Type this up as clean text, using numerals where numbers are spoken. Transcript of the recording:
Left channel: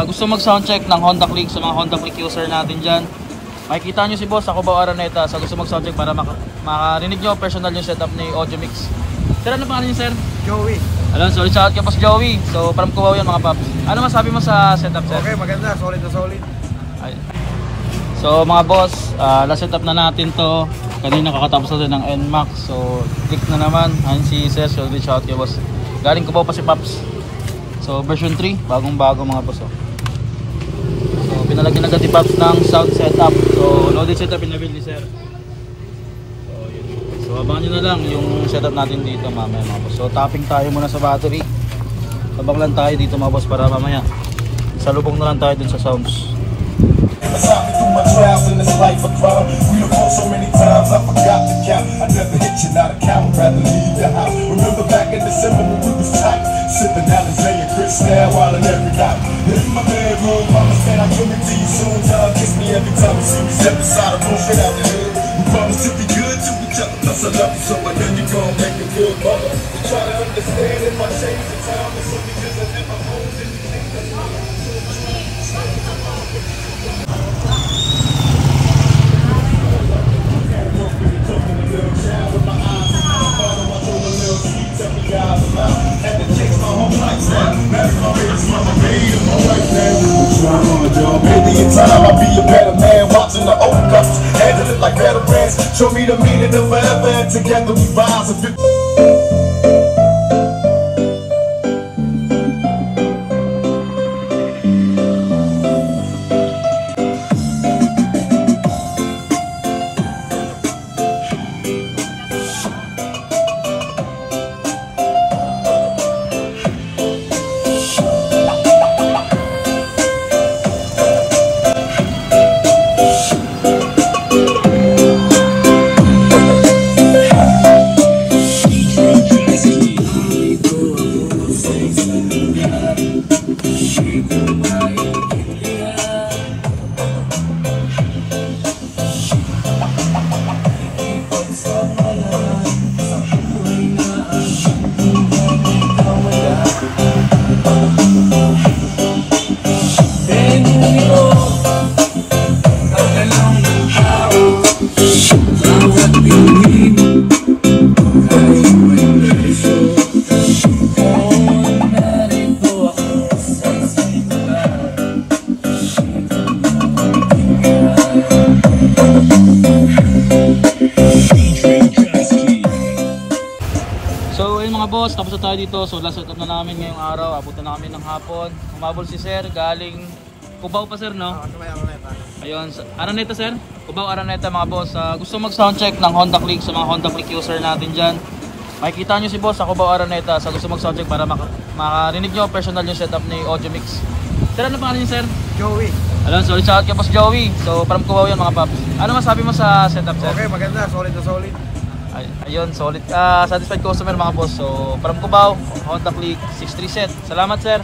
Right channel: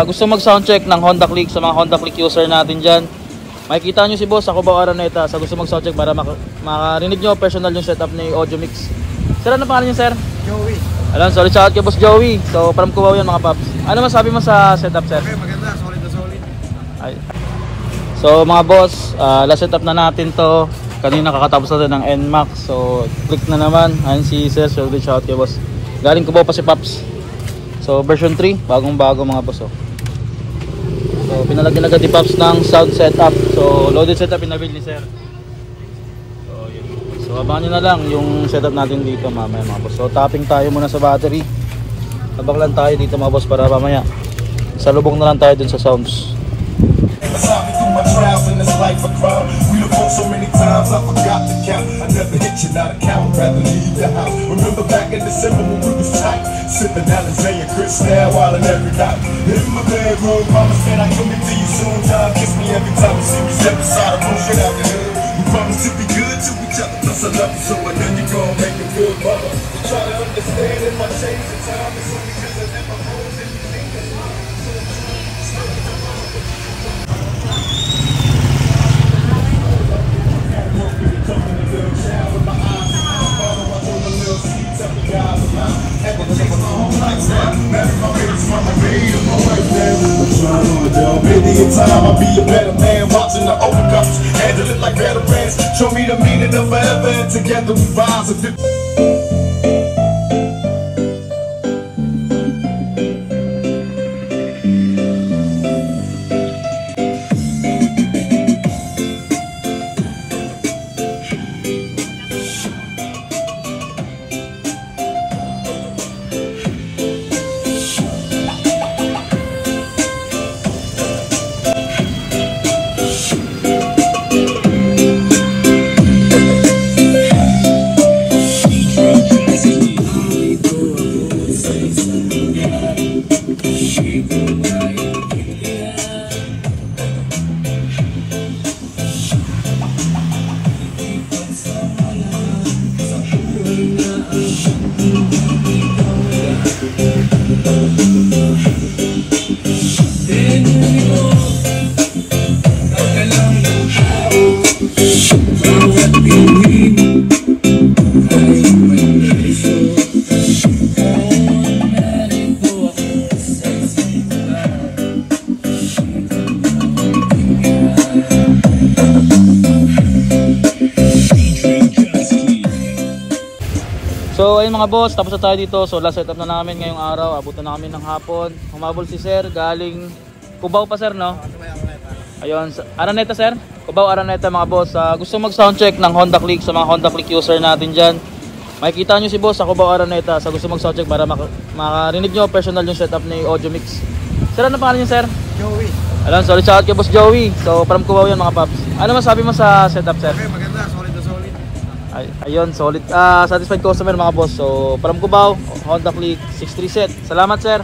Gusto mag soundcheck ng Honda Click sa mga Honda Click user natin dyan, makikita nyo si boss sa Cubao Araneta sa gusto mag soundcheck para makarinig nyo personal yung setup ni Audio Mix. Sir, ano pangalan nyo sir? Joey. Alam, sorry sa atin boss Joey. So from Cubao yan mga paps. Ano masabi mo sa setup sir? Okay, maganda, solid na solid. So mga boss, last setup na natin to. Kanina kakatapos natin ng NMAX. So click na naman. Ayan si sir, so good shot kay boss. Galing Cubao pa si Paps. So version 3, bagong bago mga boss. So pinalagyan agad ni Paps ng sound setup. So loaded setup pinabil ni sir. So yun. So abangan nyo na lang yung setup natin dito mamaya mga boss. So tapping tayo muna sa battery. Tabak lang tayo dito mga boss para mamaya salubong na lang tayo dun sa sounds. Through my trials in this life of crime, we have fought so many times I forgot to count. I never hit you, not a count, rather leave the house. Remember back in December when we was tight, sipping Alizé and Cristal while in every night. In my bedroom, mama said I come to you soon. Time kiss me every time you see me step inside a room straight out the hood. We promise to be good to each other, plus I love you so I know you gon' make me feel mother. You try to understand if I change the time, it's only cause I never hold anything that's mine. Maybe in time I'll be a better man, watching the old cups, handle it like veterans. Show me the meaning of forever, and together we rise. So ayun mga boss, tapos na tayo dito. So last setup na namin ngayong araw. Abutan na kami ng hapon. Humabol si sir, galing Cubao pa sir, no? Ayun, Araneta sir. Cubao Araneta mga boss. Gusto mag soundcheck ng Honda Click sa mga Honda Click user natin dyan, makikita nyo si boss sa Cubao Araneta sa gusto mag soundcheck para makarinig nyo personal yung setup ni Audio Mix. Sir, ano pangalan nyo sir? Joey. Alam, sorry sa atin boss Joey. So from Cubao yan mga paps. Ano masabi mo sa setup sir? Okay, maganda, solid na solid. Ayun, solid. Satisfied customer mga boss. So from Cubao, Honda Click 63 set. Salamat sir.